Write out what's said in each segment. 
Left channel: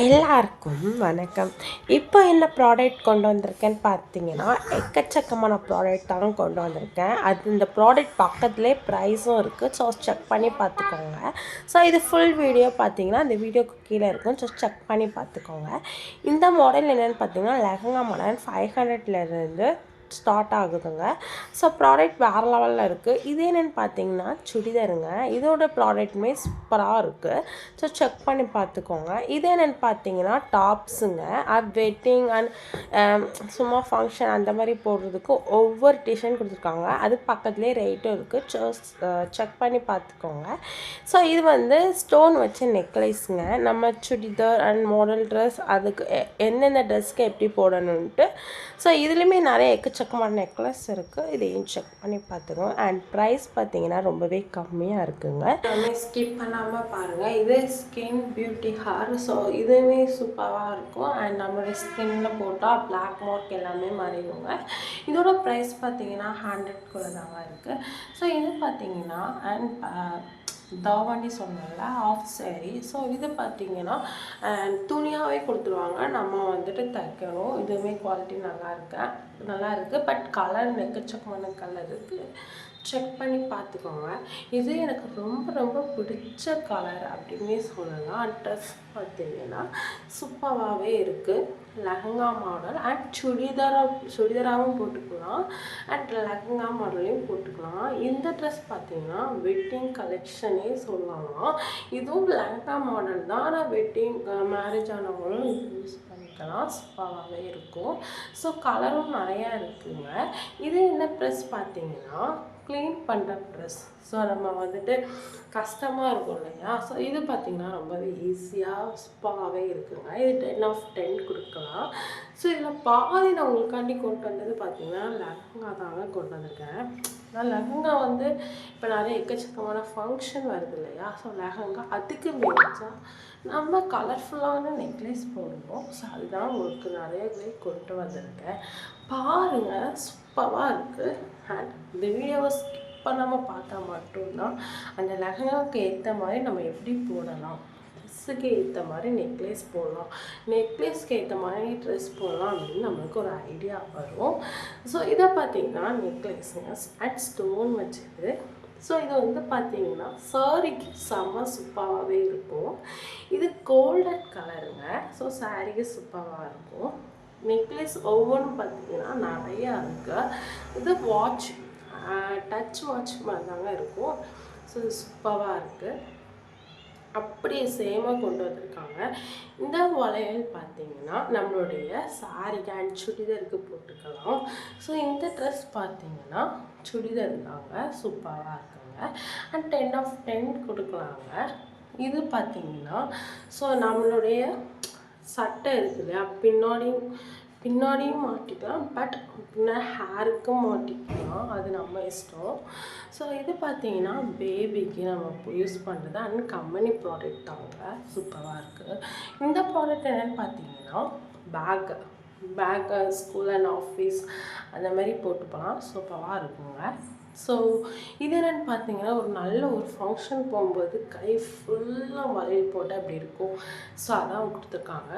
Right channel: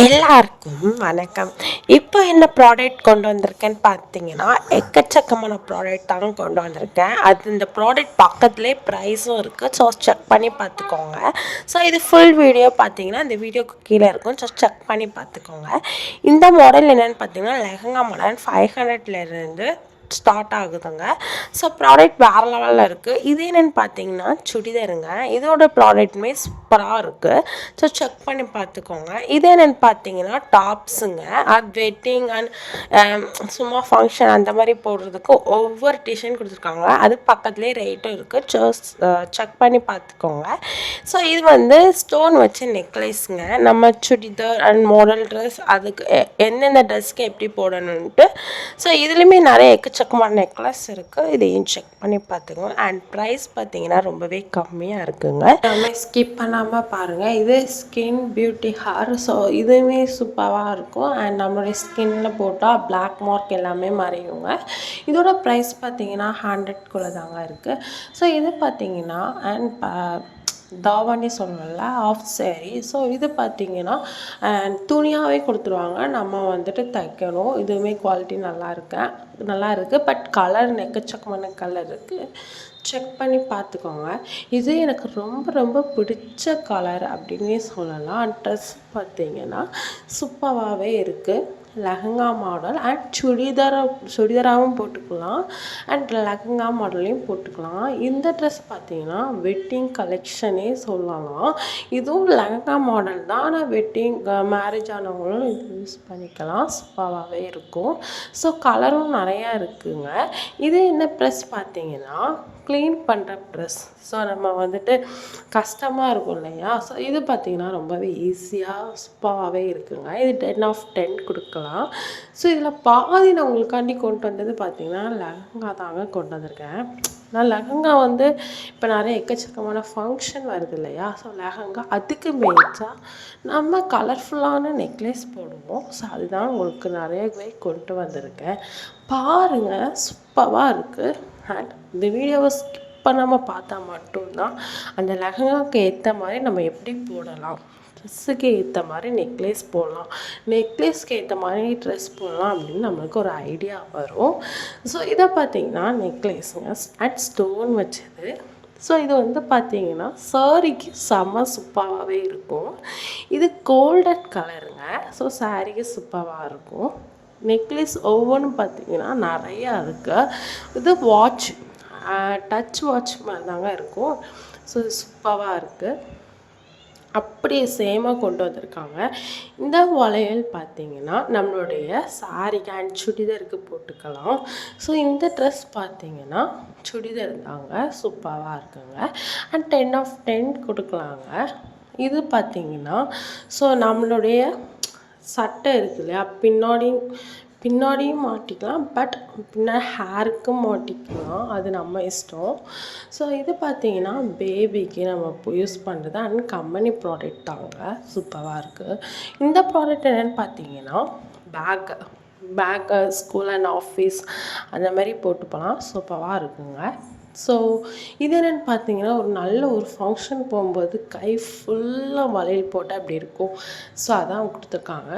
எல்லாருக்கும் வணக்கம். இப்போ என்ன ப்ராடக்ட் கொண்டு வந்திருக்கேன்னு பார்த்தீங்கன்னா, எக்கச்சக்கமான ப்ராடக்ட் தாங்க கொண்டு வந்திருக்கேன். இந்த ப்ராடக்ட் பக்கத்துலேயே ப்ரைஸும் இருக்குது. ஸோ செக் பண்ணி பார்த்துக்கோங்க. ஸோ இது ஃபுல் வீடியோ பார்த்தீங்கன்னா இந்த வீடியோக்கு கீழே இருக்கும். ஸோ செக் பண்ணி பார்த்துக்கோங்க. இந்த மாடல் என்னென்னு பார்த்தீங்கன்னா லெஹங்கா மாடல் 500லேருந்து ஸ்டார்ட் ஆகுதுங்க. ஸோ ப்ராடக்ட் வேறு லெவலில் இருக்குது. இது என்னென்னு பார்த்தீங்கன்னா சுடிதாருங்க. இதோட ப்ராடக்ட்டுமே சூப்பராக இருக்குது. ஸோ செக் பண்ணி பார்த்துக்கோங்க. இது என்னென்னு பார்த்தீங்கன்னா டாப்ஸுங்க. அது வெட்டிங் அண்ட் சும்மா ஃபங்க்ஷன் அந்த மாதிரி போடுறதுக்கு ஒவ்வொரு டிசைன் கொடுத்துருக்காங்க. அது பக்கத்துலேயே ரேட்டும் இருக்குது. செக் பண்ணி பார்த்துக்கோங்க. ஸோ இது வந்து ஸ்டோன் வச்ச நெக்லஸ்ங்க. நம்ம சுடிதார் அண்ட் மாடல் ட்ரெஸ் அதுக்கு எந்தெந்த ட்ரெஸ்க்கு எப்படி போடணுன்ட்டு. ஸோ இதுலேயுமே நிறைய எக்கச்சக்கமான நெக்லஸ் இருக்குது. இதையும் செக் பண்ணி பார்த்துக்கோங்க. அண்ட் ப்ரைஸ் பார்த்தீங்கன்னா ரொம்பவே கம்மியாக இருக்குங்க. நம்ம ஸ்கிப் பண்ணாமல் பாருங்கள். இது ஸ்கின் பியூட்டி ஹேர். ஸோ இதுவுமே சூப்பராக இருக்கும். அண்ட் நம்மளுடைய ஸ்கின்னில் போட்டால் பிளாக் மார்க் எல்லாமே மறையுங்க. இதோட ப்ரைஸ் பார்த்தீங்கன்னா 100குள்ளே தாங்க இருக்குது. ஸோ இது பார்த்தீங்கன்னா தாவணி சொல்லல ஆஃப் சேரீ. ஸோ இது பார்த்திங்கன்னா துணியாகவே கொடுத்துருவாங்க. நம்ம வந்துட்டு தைக்கணும். இதுவுமே குவாலிட்டி நல்லா இருக்குது. பட் கலர் எக்கச்சக்கமான கலர் இருக்குது. செக் பண்ணி பார்த்துக்கோங்க. இது எனக்கு ரொம்ப ரொம்ப பிடிச்ச கலர் அப்படின்னே சொல்லலாம். ட்ரெஸ் பார்த்திங்கன்னா சூப்பராகவே இருக்குது. லெஹங்கா மாடல் அண்ட் சுடிதாராகவும் போட்டுக்கலாம். அண்ட் லெஹங்கா மாடல்லையும் போட்டுக்கலாம். இந்த ட்ரெஸ் பார்த்திங்கன்னா வெட்டிங் கலெக்ஷனே சொல்லலாம். இதுவும் லெஹங்கா மாடல் தான். ஆனால் வெட்டிங் மேரேஜ் ஆனவங்களும் யூஸ் பண்ணிக்கலாம். சூப்பராகவே இருக்கும். ஸோ கலரும் நிறையா இருக்குங்க. இது என்ன ப்ரெஸ் பார்த்திங்கன்னா க்ளீன் பண்ணுற ப்ரெஸ். ஸோ நம்ம வந்துட்டு கஷ்டமாக இருக்கும் இல்லையா. ஸோ இது பார்த்திங்கன்னா ரொம்பவே ஈஸியாக சூப்பராகவே இருக்குங்க. இது 10/10 கொடுக்கலாம். ஸோ இதில் பாதி நான் உங்களுக்காண்டி கொண்டு வந்தது பார்த்திங்கன்னா லெஹங்கா தாங்க கொண்டு வந்திருக்கேன். நான் லெஹங்கா வந்து இப்போ நிறைய எக்கச்சக்கமான ஃபங்க்ஷன் வருது இல்லையா. ஸோ லெஹங்கா அதுக்கு மேட்சாக நம்ம கலர்ஃபுல்லான நெக்லஸ் போடுவோம். ஸோ அதுதான் உங்களுக்கு நிறையவே கொண்டு வந்திருக்கேன். பாருங்கள், சூப்பராக இருக்குது. அண்ட் இந்த வீடியோவை ஸ்கிப் பண்ணாமல் பார்த்தா மட்டும்தான் அந்த லெஹங்காவுக்கு ஏற்ற மாதிரி நம்ம எப்படி போடலாம், ட்ரெஸ்ஸுக்கு ஏற்ற மாதிரி நெக்லஸ் போடலாம், நெக்லஸ்க்கு ஏற்ற மாதிரி ட்ரெஸ் போடலாம் அப்படின்னு நம்மளுக்கு ஒரு ஐடியா வரும். ஸோ இதை பார்த்திங்கன்னா நெக்லஸுங்க அண்ட் ஸ்டோன் வச்சது. ஸோ இது வந்து பார்த்திங்கன்னா சாரிக்கு செம்ம சூப்பராகவே இருக்கும். இது கோல்டன் கலருங்க. ஸோ சாரிக்கு சூப்பராக இருக்கும். நெக்லஸ் ஒவ்வொன்றும் பார்த்திங்கன்னா நிறையா இருக்குது. இது வாட்ச் டச் வாட்ச் மாதிரி தாங்க இருக்கும். ஸோ சூப்பராக இருக்குது. அப்படியே சேமாக கொண்டு வந்திருக்காங்க. இந்த வளையல் பார்த்திங்கன்னா நம்மளுடைய சாரிக்கு அண்ட் சுடிதாருக்கு போட்டுக்கலாம். ஸோ இந்த ட்ரெஸ் பார்த்திங்கன்னா சுடிதார் தாங்க. சூப்பராக இருக்குங்க. அண்ட் 10/10 கொடுக்கலாங்க. இது பார்த்திங்கன்னா ஸோ நம்மளுடைய சட்டை இருக்கு இல்லையா, பின்னாடியும் மாட்டிக்கலாம். பட் பின்னாடி ஹேருக்கும் மாட்டிக்கலாம். அது நம்ம இஷ்டம். ஸோ இது பார்த்திங்கன்னா பேபிக்கு நம்ம யூஸ் பண்ணுறது அண்ட் கம்பெனி ப்ராடக்ட் தாங்க. சூப்பராக இருக்குது. இந்த ப்ராடக்ட் என்னென்னு பார்த்தீங்கன்னா பேக்கு ஸ்கூல் அண்ட் ஆஃபீஸ் அந்த மாதிரி போட்டு போகலாம். சூப்பராக இருக்குங்க. ஸோ இது என்னென்னு பார்த்தீங்கன்னா ஒரு ஃபங்க்ஷன் போகும்போது கை ஃபுல்லாக வளையல் போட்டால் அப்படி இருக்கும். ஸோ அதான் கொடுத்துருக்காங்க.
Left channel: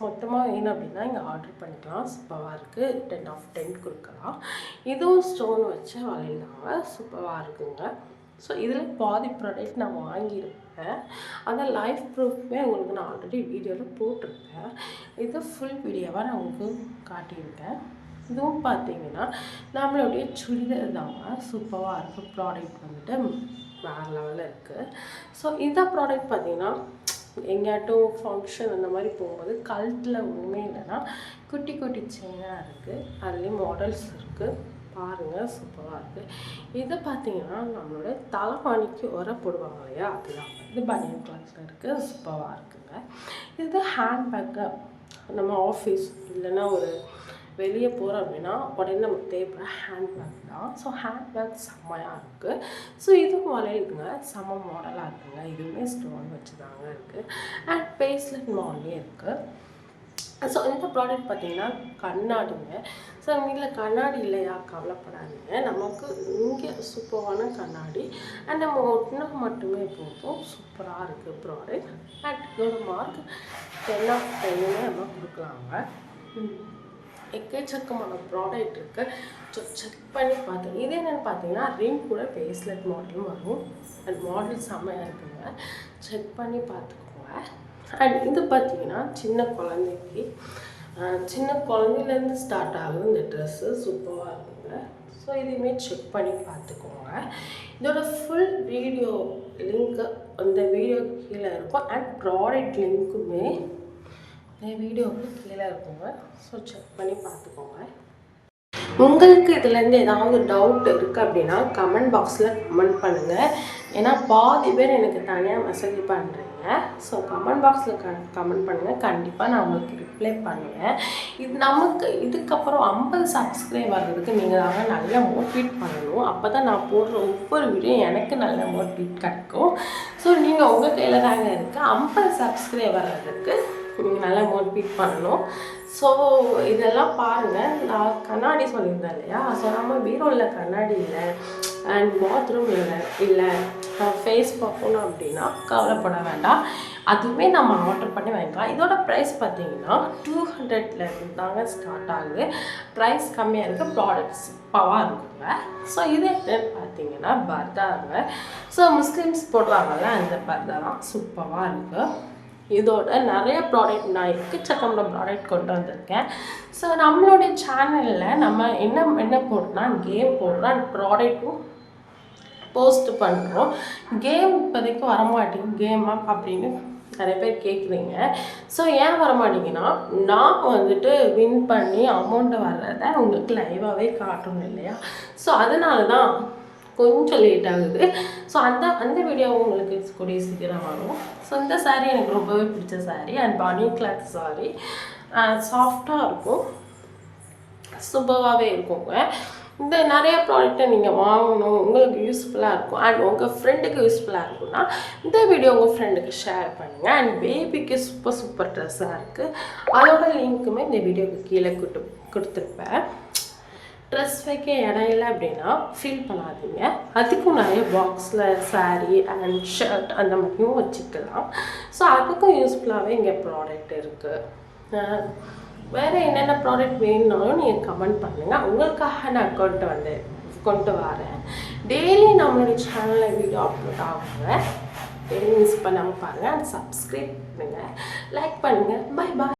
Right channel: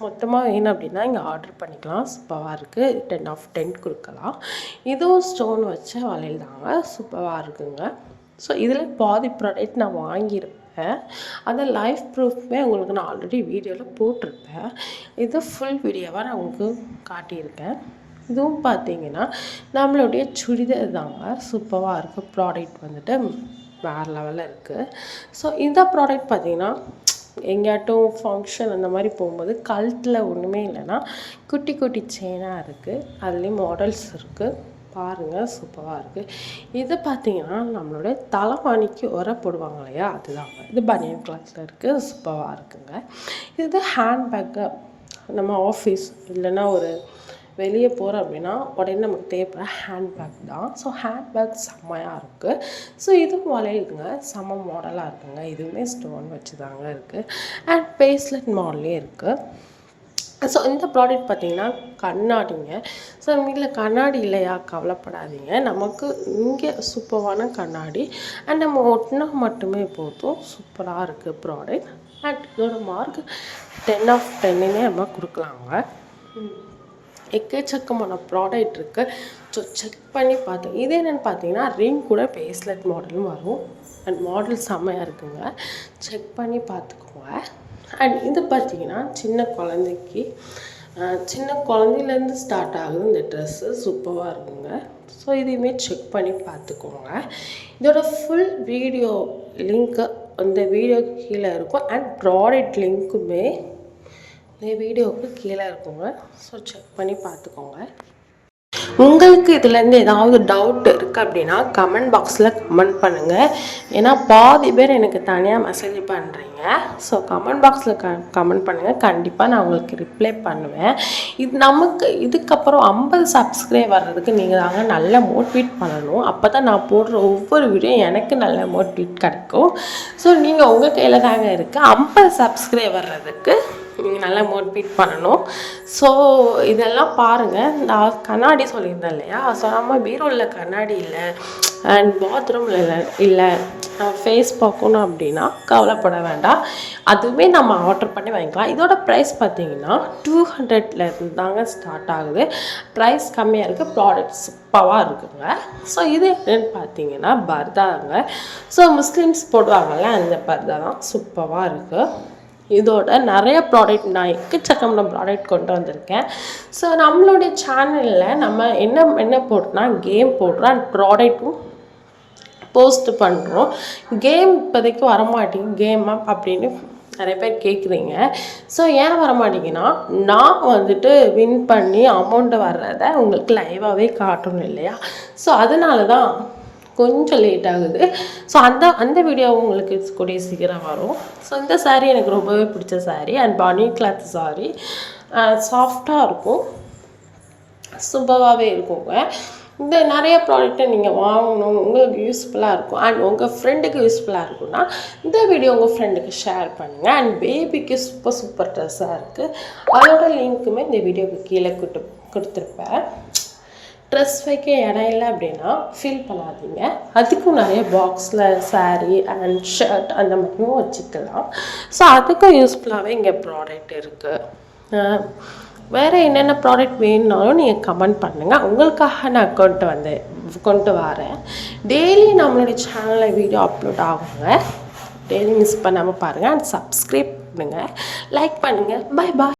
மொத்தமாக வேணும் அப்படின்னா இங்கே ஆர்டர் பண்ணிக்கலாம். சூப்பராக இருக்குது. 10/10 கொடுக்கலாம். இதுவும் ஸ்டோன் வச்ச வளையல் தாங்க. சூப்பராக இருக்குங்க. ஸோ இதில் பாதி ப்ராடக்ட் நான் வாங்கியிருப்பேன். அந்த லைவ் ப்ரூஃப்மே உங்களுக்கு நான் ஆல்ரெடி வீடியோவில் போட்டிருப்பேன். இது ஃபுல் வீடியோவாக நான் உங்களுக்கு காட்டியிருக்கேன். இதுவும் பார்த்திங்கன்னா நம்மளுடைய சுடிதார் தாங்க. சூப்பராக இருக்குது. ப்ராடக்ட் வந்துட்டு வேறு லெவலில் இருக்குது. ஸோ இந்த ப்ராடக்ட் பார்த்திங்கன்னா எங்கேயாட்டும் ஃபங்க்ஷன் அந்த மாதிரி போகும்போது கழுத்தில் ஒன்றுமே இல்லைன்னா குட்டி குட்டி செயினாக இருக்குது. அதுலேயும் மாடல்ஸ் இருக்குது. பாருங்கள், சூப்பராக இருக்குது. இது பார்த்திங்கன்னா நம்மளுடைய தலைவாணிக்கு உரை போடுவாங்க இல்லையா, அதுதாங்க. இது பனியன் கிளாத்தில் இருக்குது. சூப்பராக இருக்குங்க. இது ஹேண்ட்பேக்கு. நம்ம ஆஃபீஸ் இல்லைன்னா ஒரு வெளியே போகிறோம் அப்படின்னா உடனே நமக்கு தேவைப்படுற ஹேண்ட்பேக் தான். ஸோ ஹேண்ட்பேக் செம்மையாக இருக்குது. ஸோ இதுவும் வளையுதுங்க. செம்ம மாடலாக இருக்குங்க. இதுவுமே ஸ்டோன் வச்சு தாங்க இருக்குது. அண்ட் பேஸ்லெட் மாடல்லே இருக்குது. ஸோ இந்த ப்ராடக்ட் பார்த்தீங்கன்னா கண்ணாடிங்க. ஸோ வீட்டில் கண்ணாடி இல்லையா கவலைப்படாதீங்க. நமக்கு இங்கே சூப்பரான கண்ணாடி அண்ட் நம்ம ஒட்டினா மட்டுமே போதும். சூப்பராக இருக்குது ப்ராடக்ட். அண்ட் இதோட மார்க் 10/10 நம்ம கொடுக்கலாங்க. எக்கச்சக்கமான ப்ராடக்ட் இருக்குது. ஸோ செக் பண்ணி பார்த்தோம். இது என்னென்னு பார்த்தீங்கன்னா ரிங் கூட பேஸ்லெட் மாடலும் வரும். அண்ட் மாடல் செம்மையாக இருக்குங்க. செக் பண்ணி பார்த்துக்கோங்க. அண்ட் இது பார்த்தீங்கன்னா சின்ன குழந்தையிலேருந்து ஸ்டார்ட் ஆகுது இந்த ட்ரெஸ்ஸு. சூப்பராக இருக்குங்க. ஸோ இதையுமே செக் பண்ணி பார்த்துக்கோங்க. இதோட ஃபுல் வீடியோ லிங்க்கு அந்த வீடியோக்கு கீழே இருக்கும். அண்ட் ப்ராடக்ட் லிங்க்குமே இந்த வீடியோவுக்கு கீழே இருக்குங்க. ஸோ செக் பண்ணி பார்த்துக்கோங்க. உங்களுக்கு இதுலேருந்து ஏதாவது டவுட் இருக்குது அப்படின்னா கமெண்ட் பாக்ஸில் கமெண்ட் பண்ணுங்கள். ஏன்னா பாதி பேர் எனக்கு தனியாக மெசேஜ் பண்ணுறீங்க. ஸோ கமெண்ட் பாக்ஸில் கமெண்ட் பண்ணுங்கள். கண்டிப்பாக நான் உங்களுக்கு ரிப்ளை பண்ணுவேன். நமக்கு இதுக்கப்புறம் 50 சப்ஸ்கிரைப் வர்றதுக்கு நீங்கள் தாங்க நல்லா மோட்டிவேட் பண்ணணும். அப்போ தான் நான் போடுற ஒவ்வொரு வீடியோ எனக்கு நல்ல மோட்டிவேட் கிடைக்கும். ஸோ நீங்கள் உங்கள் கையில் தாங்க இருக்குது. 50 சப்ஸ்கிரைப் வர்றதுக்கு நீங்கள் நல்லா மோட்டிவேட் பண்ணணும். ஸோ இதெல்லாம் பாருங்கள். நான் கண்ணாடி சொல்லியிருந்தேன் இல்லையா? ஸோ நம்ம பீரோவில் கண்ணாடி இல்லை அண்ட் பாத்ரூமில் இல்லை ஃபேஸ் பார்க்கணும் அப்படின்னா கவலைப்பட வேண்டாம். அதுவுமே நம்ம ஆர்டர் பண்ணி வாங்கிக்கலாம். இதோட ப்ரைஸ் பார்த்தீங்கன்னா 200 தாங்க ஸ்டார்ட் ஆகுது. ப்ரைஸ் கம்மியாக இருக்குது. ப்ராடக்ட்ஸ் சூப்பராக இருக்குங்க. ஸோ இது என்னென்னு பார்த்தீங்கன்னா பர்தாங்க. ஸோ முஸ்லீம்ஸ் போடுவாங்கள்ல அந்த பர்தா தான். சூப்பராக இருக்குது. இதோட நிறைய ப்ராடக்ட் நான் எக்கச்சக்கமான ப்ராடக்ட் கொண்டு வந்திருக்கேன். ஸோ நம்மளுடைய சேனலில் நம்ம என்ன போடுறோம்னா கேம் போடுறோம் அண்ட் ப்ராடக்ட்டும் போஸ்ட் பண்ணுறோம். கேம் இப்போதைக்கு வரமாட்டேங்குது. கேமா அப்படின்னு நிறைய பேர் கேட்குறீங்க. ஸோ ஏன் வரமாட்டேங்கன்னா நான் வந்துட்டு வின் பண்ணி அமௌண்ட்டு வர்றதை உங்களுக்கு லைவாகவே காட்டணும் இல்லையா? ஸோ அதனால தான் கொஞ்சம் லேட் ஆகுது. ஸோ அந்த வீடியோ உங்களுக்கு கூடிய சீக்கிரம் வரும். ஸோ இந்த சாரீ எனக்கு ரொம்பவே பிடிச்ச சாரீ அண்ட் பனி கிளாத் சாரீ. சாஃப்டாக இருக்கும். சூப்பராகவே இருக்குங்க. இந்த நிறைய ப்ராடக்ட்டை நீங்கள் வாங்கணும். உங்களுக்கு யூஸ்ஃபுல்லாக இருக்கும் அண்ட் உங்கள் ஃப்ரெண்டுக்கு யூஸ்ஃபுல்லாக இருக்குன்னா இந்த வீடியோ உங்கள் ஃப்ரெண்டுக்கு ஷேர் பண்ணுங்கள். அண்ட் பேபிக்கு சூப்பர் ட்ரெஸ்ஸாக இருக்குது. அதோட லிங்க்குமே இந்த வீடியோக்கு கீழே கொடுத்துருப்பேன். ட்ரெஸ் வைக்க இடம் இல்லை அப்படின்னா ஃபீல் பண்ணாதீங்க. அதுக்கும் நிறைய பாக்ஸில் சாரீ அண்ட் ஷர்ட் அந்த மாதிரியும் வச்சுக்கலாம். ஸோ அதுக்கும் யூஸ்ஃபுல்லாகவே இங்கே ப்ராடக்ட் இருக்குது. வேறு என்னென்ன ப்ராடக்ட் வேணுனாலும் நீங்கள் கமெண்ட் பண்ணுங்கள். உங்களுக்காக நான் கொண்டு வரேன். டெய்லி நம்மளுடைய சேனலில் வீடியோ அப்லோட் ஆகுங்க. டெய்லி மிஸ் பண்ணாமல் பாருங்கள் அண்ட் சப்ஸ்கிரைப் பண்ணுங்கள், லைக் பண்ணுங்கள். Bye bye.